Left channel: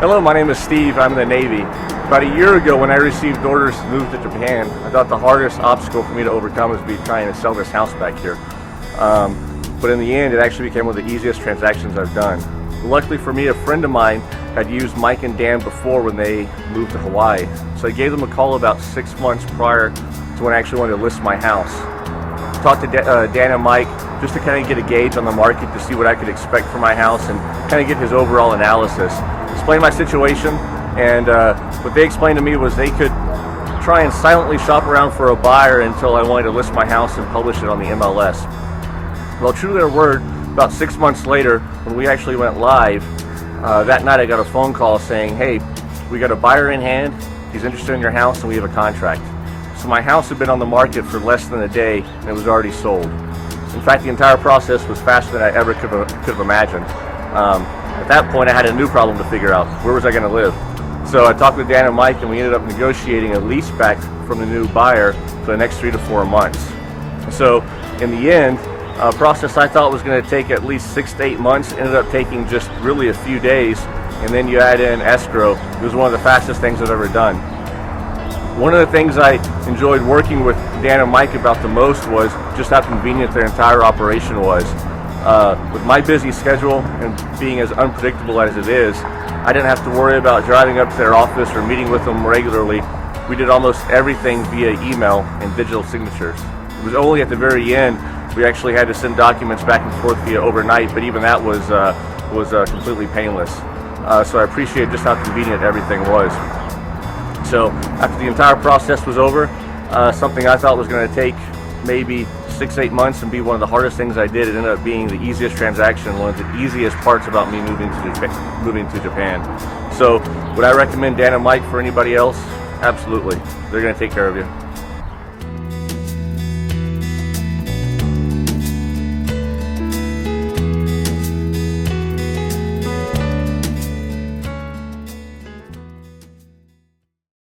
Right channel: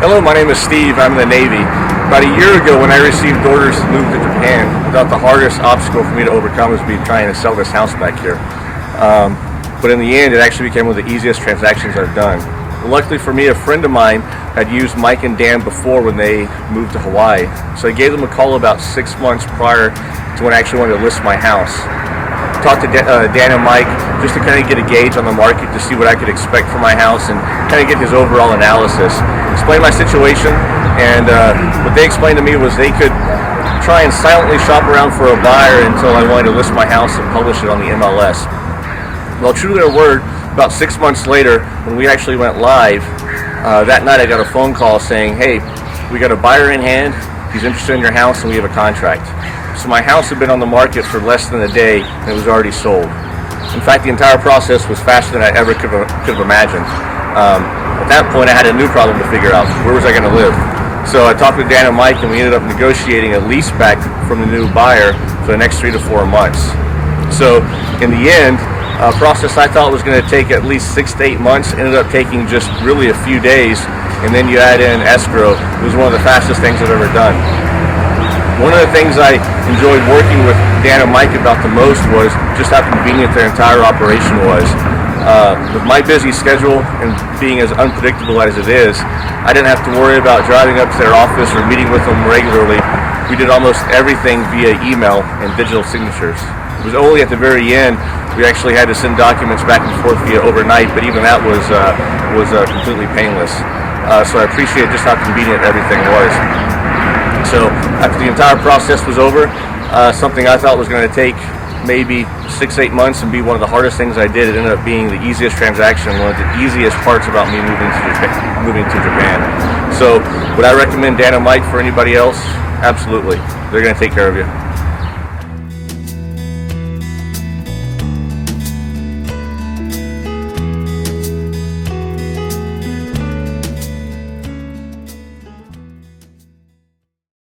Hello, my name is Steve. I'm in the Navy. About a year ago, when I received orders to move to Japan, I thought the hardest obstacle for me to overcome was trying to sell this house back here. But in the end, it actually became one of the easiest transactions I've done. Luckily for me, a friend of mine had used Mike and Dan before when they moved to Hawaii. So I gave them a call about 6 months prior to when I actually wanted to list my house. Talked to Dan and Mike just to kind of get a gauge on the market to see what I could expect for my house and kind of get his overall analysis. Explain my situation, and what they explained to me was they could try and silently shop around for a buyer until I wanted to list my house and publish it on the MLS. Well, true to their word, about 6 months later, when we actually went live, that night I got a phone call saying, hey, we got a buyer in hand, he's interested in your house, and we have a contract. So my house had been on the market for less than a day, and it was already sold. In fact, the entire process was faster than I ever could have imagined. At that point, I had a new problem to figure out. Where was I going to live? So I talked with Dan and Mike, and we ended up negotiating a lease back from the new buyer for the next 3 to 4 months. So in the end, a process I thought was going to take at least 6 to 8 months ended up taking just really a few days, and then you add in escrow. It was one of the fastest things I've ever done. One of the things I enjoyed working with Dan and Mike about the most was just how convenient their entire operation was. With my busy schedule and being as unpredictable as it is, I didn't have to worry about driving up to their office or meeting with them regularly. We did almost everything via email and digital signatures. It was only at the very end we actually had to send documents back and forth via overnight, but even that was completely painless. So I appreciate just how convenient everything was. So after the entire process was over, something I thought was going to take maybe 6-8 months and be one of the hardest things I did, it ended up being the easiest transaction, one of the easiest parts about me moving to Japan. So would I recommend Dan and Mike for anybody else? Absolutely. They're going to take care of you.